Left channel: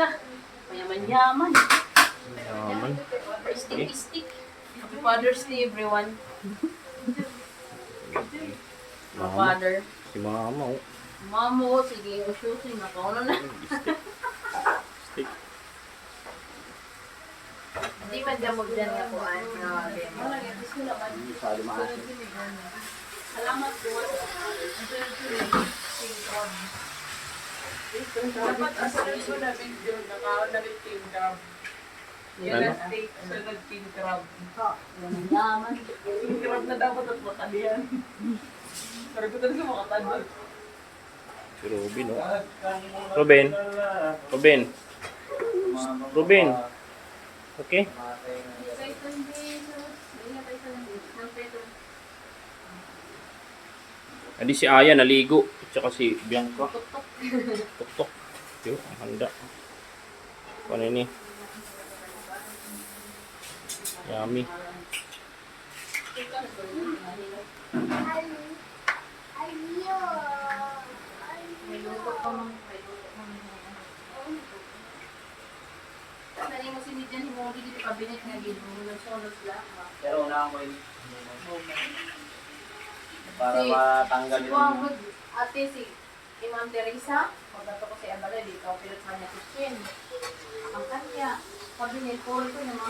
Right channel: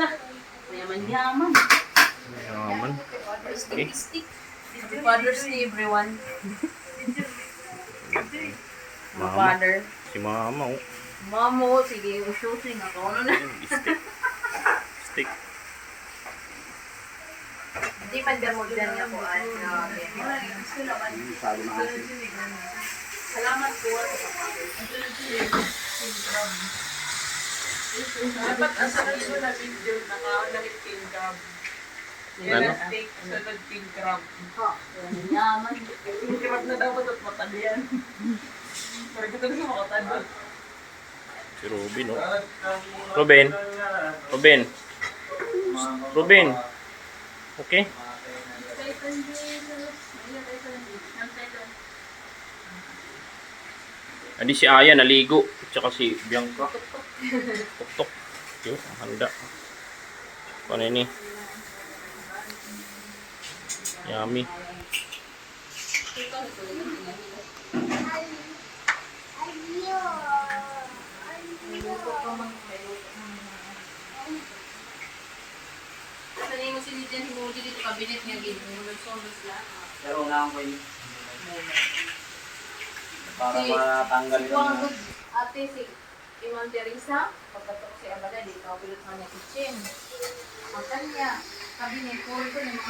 isa. Mayaman-yaman. Yaman. Stick. Happy Father's Day, everyone. Mama. Father. Si mama, oh. Mamo, sige, shooting ako. Ano na? Stick. Hindi man damog dyan nga po. Salamat po. Dapat asalan mo na video naka-lamit king crab. Ano? Steak, sunod king crab. Yaman. King crab na dapat at matalian. Pero ko talaga makatalo. Si Robin, oh. Robin. Okay? Adi si Aya naligo. Tsaka si Bianca. Tok. Yun, ang handa. Ano ini? Yummy. Sanay mo sinidyan, himuli dito kabinet nga ginulog-sulog lang. Pero una ko yun. Para matanggal Si yun. Wagod, ate si Imam Teresa, pagkato ko sa Abada, dito ako pilot sa kanya kitchen. Ang kanya, kabinet, puro ko ng mga